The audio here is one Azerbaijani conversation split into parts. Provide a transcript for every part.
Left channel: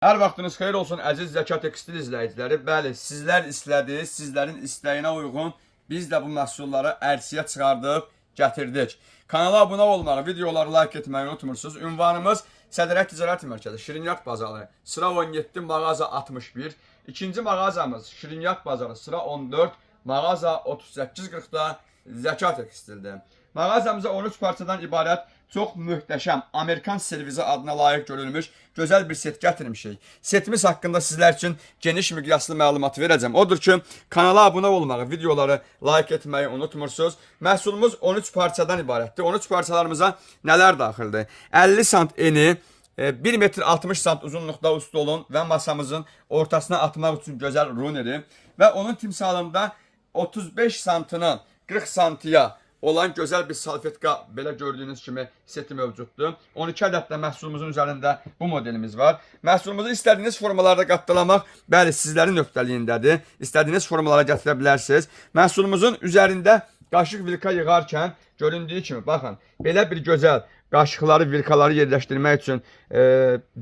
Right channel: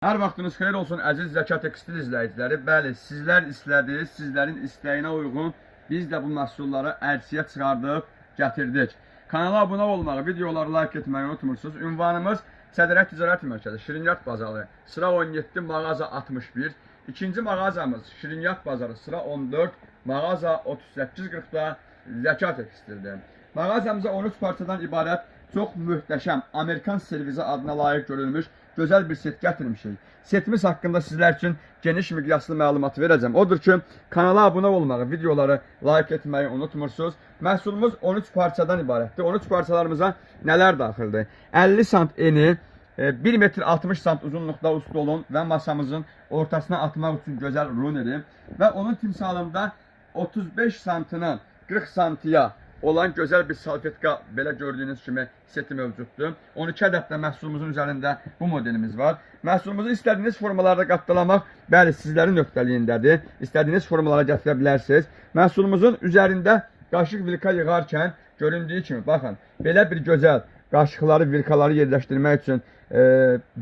Hər vaxtınız xeyir olsun əziz Zəka Tekstil izləyiciləri. Bəli, sizlər istədiniz, sizlərin istəyinə uyğun biz də bu məhsulları ərsəyə çıxardıb gətirdik. Kanala abunə olmağı, videoları like etməyi unutmursunuz. Ünvanımız Sədrət Ticarət Mərkəzi, Şirinyat Bazarı, sıra 17, mağaza 61. İkinci mağazamız Şirinyat Bazarı, sıra 14, mağaza 3840'da Zəka Tekstildir. Mağazamıza 13 parçadan ibarət çox möhtəşəm Amerikan servizi adına layiq görülmüş gözəl bir set gətirmişik. Setimiz haqqında sizlər üçün geniş miqyaslı məlumat verəcəm. Odur ki, kanala abunə olmağı, videoları like etməyi unutmursunuz. Məhsulumuz 13 parçadan ibarətdir. 13 parçalarımıza nələr daxildir? 50 sant eni, 1 metr 60 sant uzunluqda ustolun və masamızın ortasına atmaq üçün gözəl runeri və onun timsalında 35 santının 40 santiya olan gözəl bir salfetka, belə gördüyünüz kimi seti mövcuddur. 12 ədəd də məhsulumuzun üzərində bu modelimiz var. Məhsulumuzu istədiyiniz formalarda qatlamaq, bəli, sizlərin nöqtəliyindədir. İstədiyiniz formalara gətirə bilərsiniz. Məhsulumuzun üzərində qaşıq vilka yığarkən göründüyü kimi, baxın, belə bir gözəl qaşıqları, vilkaları yerləşdirmək üçün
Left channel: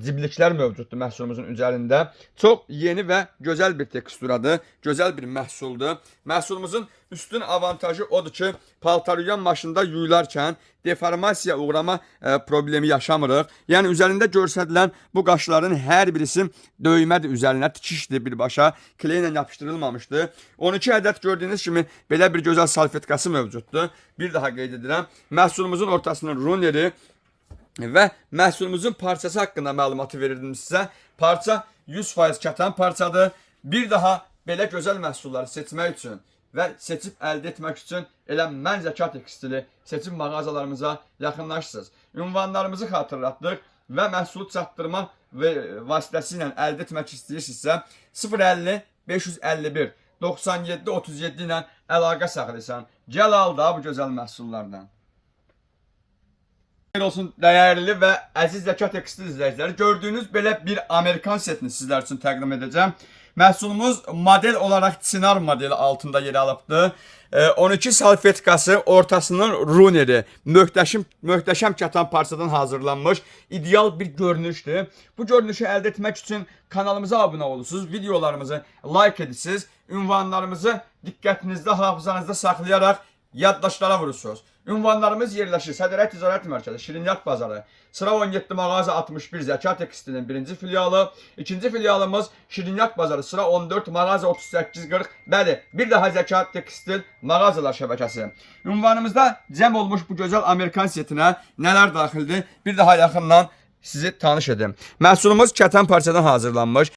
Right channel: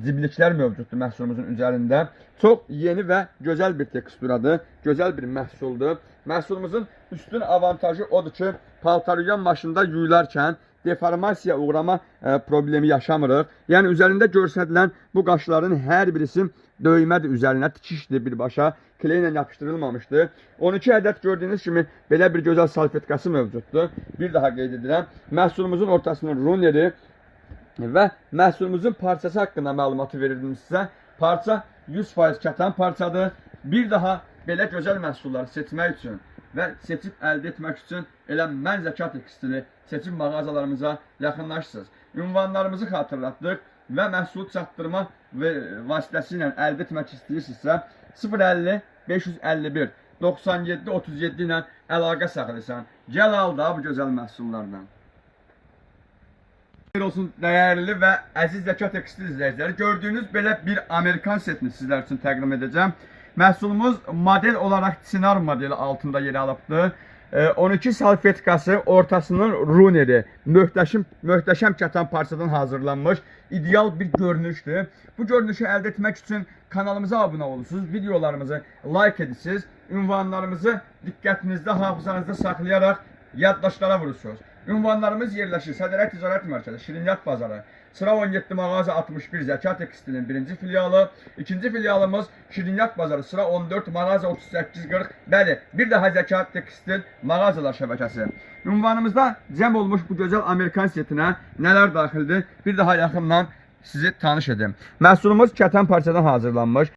cibliklər mövcuddur məhsulumuzun üzərində. Çox yeni və gözəl bir teksturadır, gözəl bir məhsuldur. Məhsulumuzun üstün avantajı odur ki, paltaryuyan maşında yuyularkən deformasiya uğrama problemi yaşamırıq. Yəni üzərində göstərilən bu qaşların hər birisi döymədir üzərinə, tikişdir birbaşa, kley ilə yapışdırılmamışdır. 12 ədəd gördüyünüz kimi belə bir gözəl salfetkası mövcuddur. Bir daha qeyd edirəm, məhsulumuzun ortasının runeri və məhsulumuzun parçası haqqında məlumatı verirdim sizə. Parça 100% kətan parçadır. Bir daha belə gözəl məhsulları seçmək üçün və seçib əldə etmək üçün elə mən Zəka Tekstili seçim mağazalarımıza yaxınlaşırsınız. Ünvanlarımızı xatırlatdıq və məhsulu çatdırma və vasitəsilə əldə etmək istəyirsinizsə 050 551 97 37 ilə əlaqə saxlayırsan. Gəl al da bu gözəl məhsullardan. Xeyir olsun dəyərli və əziz Zəka Tekstil izləyiciləri. Gördüyünüz belə bir Amerikan setini sizlər üçün təqdim edəcəm. Məhsulumuz model olaraq Çınar modeli altında yer alıbdır. 12 salfetkası, ortasının runeri, möhtəşəm kətan parçadan hazırlanmış ideal bir görünüşdür. Bu görünüşü əldə etmək üçün kanalımıza abunə olursunuz, videolarımızı like edirsiniz, ünvanlarımızı diqqətinizdə, hafızanızda saxlayaraq yaddaşlara vurursunuz. Ünvanlarımız yerləşir Sədrət Ticarət Mərkəzi, Şirinyat Bazarı, sıra 17, mağaza 61, Zəka Tekstilin birinci filialı. İkinci filialımız Şirinyat Bazarı, sıra 14, mağaza 3840. Bəli, bir daha Zəka Tekstil mağazalar şəbəkəsi. Ünvanımızda cəm olmuş bu gözəl Amerikan setinə nələr daxildir? Bir daha yaxından sizi tanış edim. Məhsulumuz kətan parçadan hazırlanmış.